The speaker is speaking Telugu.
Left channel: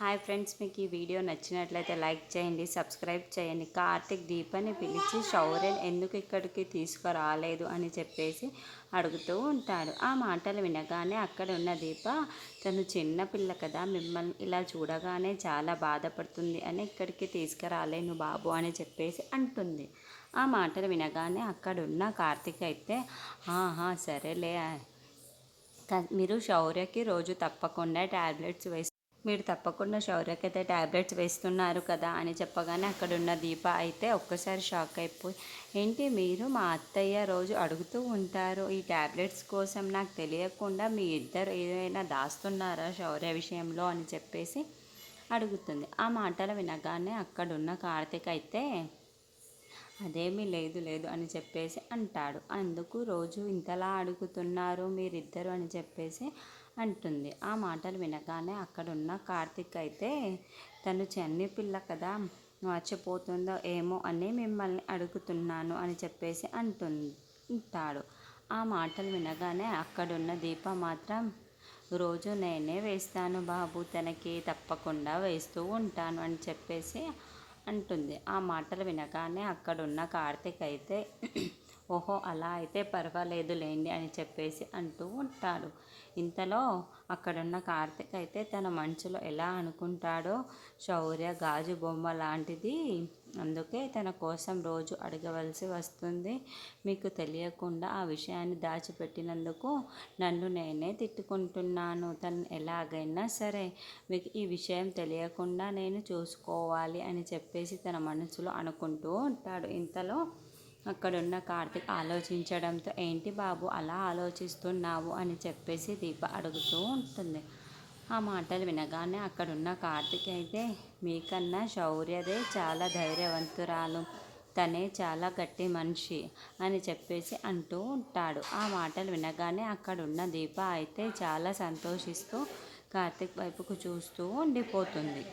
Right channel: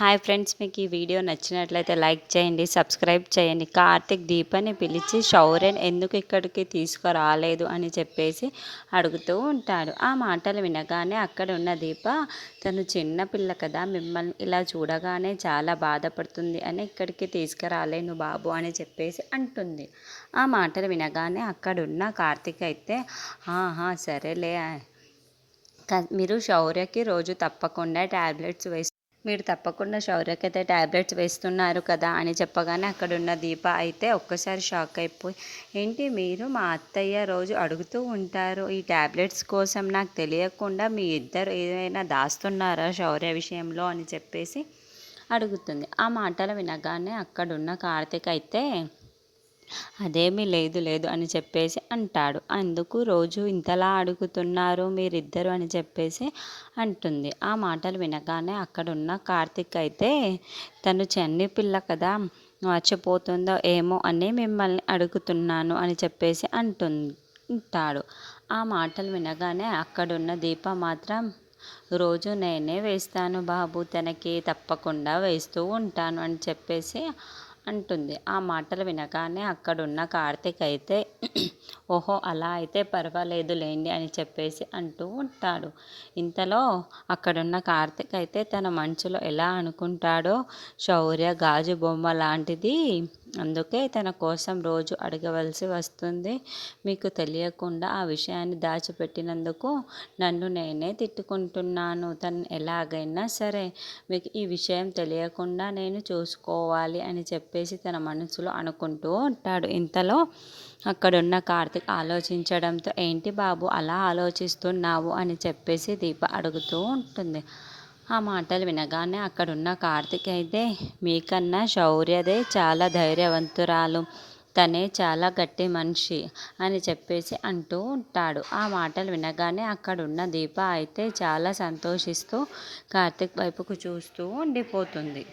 హాయ్ ఫ్రెండ్స్, మీకు ఈ వీడియో నచ్చినట్లయితే లైక్ చేయండి, సబ్స్క్రైబ్ చేయండి. కార్తిక్ దీపని పిలిచి శౌర్యని ఎందుకు ఇక్కడికి తీసుకురాలేదు అని చెప్పేసి అడుగుతూ ఉంటాడు. ఆ మాటలు వినగానే అక్కడ ఉన్న దీప, తను చిన్న పిల్ల కదా, మిమ్మల్ని ఇలా చూడగానే చాలా బాధపడుతుంది అని ఇక్కడికి తీసుకురాలేను బాబు అని చెప్పేసి అంటుంది. ఆ మాటలు వినగానే అక్కడున్న కార్తిక్ అయితే సరేలే, మీరు శౌర్యకి రోజు తప్పకుండా ట్యాబ్లెట్స్ మీరు తప్పకుండా శౌర్యకైతే ట్యాబ్లెట్స్ వేస్తున్నారు కదా అని చెప్పగానే అక్కడున్న దీప అయితే ఒక్కసారి షాక్ అయిపోయి, ఏంటి మీరు మా అత్తయ్య రోజు అడుగుతూ ఉంటారు ఈ ట్యాబ్లెట్స్ కోసం, నాకు తెలియకుండా మీ ఇద్దరు ఏదైనా దాస్తున్నారా శౌర్య విషయంలో అని చెప్పేసి అడుగుతుంది. ఆ మాటలు వినగానే అక్కడున్న కార్తీక్ అయితే అదేమీ లేదు లేదు అని చెప్పేసి అంటాడు. అందుకు రోజు ఇంతలా అడుగుతున్నారు మీరిద్దరు అని చెప్పేసి అంటుంది. ఆ మాటలు వినగానే అక్కడున్న కార్తిక్ అయితే, తను చెన్ని పిల్ల కదా, మర్చిపోతుందో ఏమో అని మిమ్మల్ని అడుగుతున్నాను అని చెప్పేసి అంటాడు. ఆ మాటలు వినగానే అక్కడున్న దీప మాత్రం, రోజు నేనే వేస్తాను బాబు, తనకి తప్పకుండా వేస్తూ ఉంటాను అని చెప్పేసి అంటుంది. ఆ మాటలు వినగానే అక్కడున్న కార్తిక్ అయితే ఓహో అలా అయితే పర్వాలేదు లేండి అని చెప్పేసి అంటూ ఉంటాడు. ఇంతలో అక్కడున్న కార్తిక్ అయితే తన మనసులో ఎలా అనుకుంటాడో, శౌర్య గాజు బొమ్మ లాంటిది, అందుకే తన కోసం రోజు అడగవలసి వస్తుంది. మీకు తెలియకుండా ఆ విషయాన్ని దాచిపెట్టినందుకు నన్ను నేనే తిట్టుకుంటున్నాను. తను ఎలాగైనా సరే మీకు ఈ విషయం తెలియకుండా నేను చూసుకోవాలి అని చెప్పేసి తన మనసులో అనుకుంటూ ఉంటాడు. ఇంతలో అక్కడున్న కార్తిక్ ఆలోచించడంతో, ఏంటి బాబు అలా ఆలోచిస్తున్నావు అని చెప్పేసి దీప అడుగుతూ ఉంటుంది. ఆ మాటలు వినగానే అక్కడున్న కార్తిక్ అయితే, మీకన్నా శౌర్యదే చాలా ధైర్యవంతురాలు, తనే చాలా గట్టి మనిషి అని చెప్పేసి అంటూ ఉంటాడు. ఆ మాటలు వినగానే అక్కడున్న దీప అయితే చాలా సంతోషిస్తూ కార్తిక్ వైపుకు చూస్తూ ఉండిపోతుంది.